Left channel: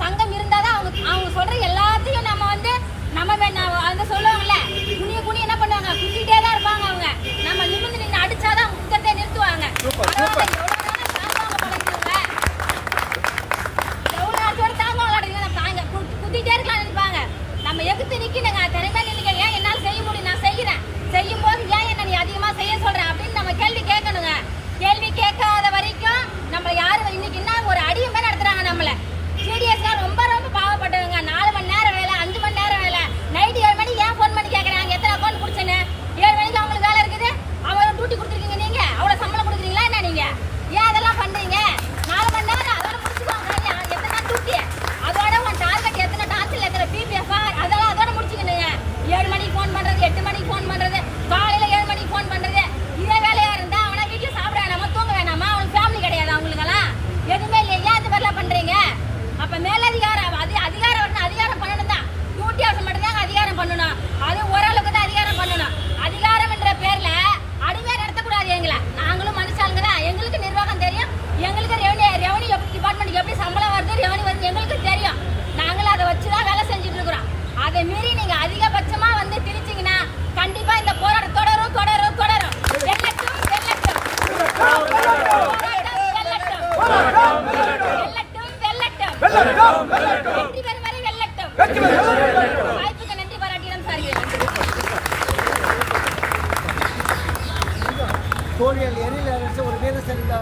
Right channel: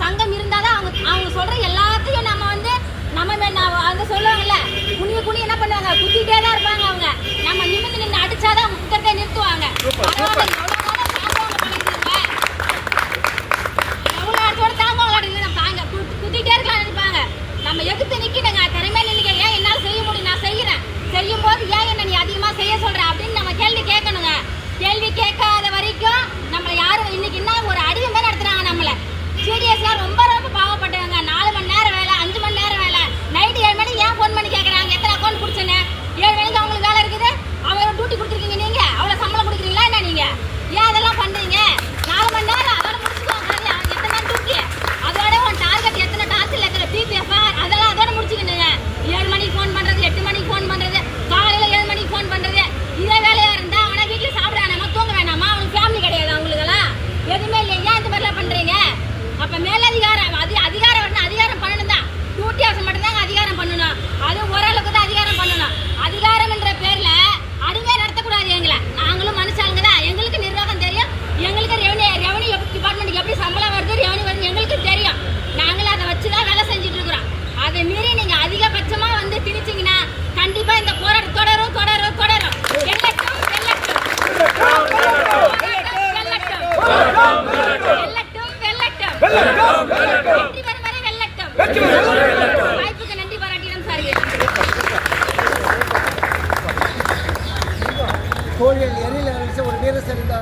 சங்கம் இருந்தாதான் அவங்க சொல்ற எல்லாத்தையும் நம்ம வந்து அந்த சொல்லுவாங்கல்ல குனி என்ன பண்ணுவாங்க, குத்திட்டே தான் இருப்பாங்க. அவங்க நம்ம நிமிர்ந்து நின்று அடிச்சாதான் அவங்க குத்தத்தை நிறுத்துவாங்க. எவ்வளவு நேரத்தோட தாங்க குத்திட்டே இருக்கலாம் நினைப்பாங்க. நம்ம எதிர்த்து நிக்கணுங்க, திறமையா நினைக்க. ஏன் என்னால செய்ய முடியும், நான் செய்யறேன். செய்யும் போது ஏன் என்ன நீ அதிகமா செய்ய சொல்ற அப்படின்னு நம்ம கேள்வி கேட்கணுங்க. கேள்வி கேட்காத வரைக்கும் நம்மள யாரும் இன்னைக்கு என்ன ஒரு அடிமை நடத்துறாங்க. நம்மள சீரியஸா ரொம்ப ரொம்ப பாவப்பட்டவங்க. 4 மணி நேரம் வேலை, 5 மணி நேரம் வேலை, நைட்டு 7 மணிக்கு ஏன் ஃபோன் பண்ணி கேட்கறாங்க எத்தனை அக்கௌண்ட் பிடிச்சேன்னு. 7 மணிக்கு அவங்களுக்கு வேலை இருக்குது, அவங்க டியூட்டி கொடுத்துருக்கீங்க, நீங்க அவ்வளவு சம்பளம் கொடுக்குறீங்களா என்ன? நீங்க ஏன் அதெல்லாம் பண்றீங்க? 4 மணி நேரம் அதோட முடிச்சுக்கோங்க. எத்தனை நாள் டியூட்டி, அதோட உன் டார்கெட் எத்தனை டார்கெட் எத்தனை பிபிஎஃப் அதெல்லாம் அதோட முடிச்சுக்கணுங்க. 7 மணிக்கு ஃபோன் பண்றது, 8 மணிக்கு ஃபோன் பண்றது, காலையில 7 மணிக்கு ஃபோன் பண்றது, இதே வேலையா இருந்தா அவனா வீட்டுல சாப்பிட வேணாமா, தூங்க வேணாமா? அவனுக்கு ஃபேமிலி கிடையாது, அவங்களுக்கெல்லாம் எதுவுமே இல்லையா? ஏன் இந்த மாதிரிலாம் பண்றீங்க? அப்ப மேலதிகாரம் அதிகாரம் வரணும். அதிகாரம் பண்ணணும் தான், டியூட்டியாசம் மட்டும்தாங்க அதிகாரம் பண்ணணும். அது ஓரளவுக்கு தான் அதிகாரம் பண்ணணும். அதிகாரம் என்ற பேர்ல அடிமையா நடத்தக்கூடாது. எங்களை நாங்களும் மனுஷாளுங்க தான், எங்களுக்கு நிர்வாகம் தெரியும், எங்களுக்கு ரெவன்யூ டிபார்ட்மெண்ட்டுக்கு எப்படி சம்பளம் வருது, ரெவன்யூ வருது எங்களுக்கு தெரியும். நாங்களும் அதை வச்சுதான் வேலை செஞ்சுட்டு இருக்கிறோம். அதை மீறி நீங்க அதிகபட்சமா வந்து திணிச்சீங்கன்னா கண்டிப்பா இந்த போராட்டம் தொடரும். வாய்ப்புக்கு நன்றி பாராட்டிடம் சார். தோழியல் எரியில் ஒரு வீரசரிந்த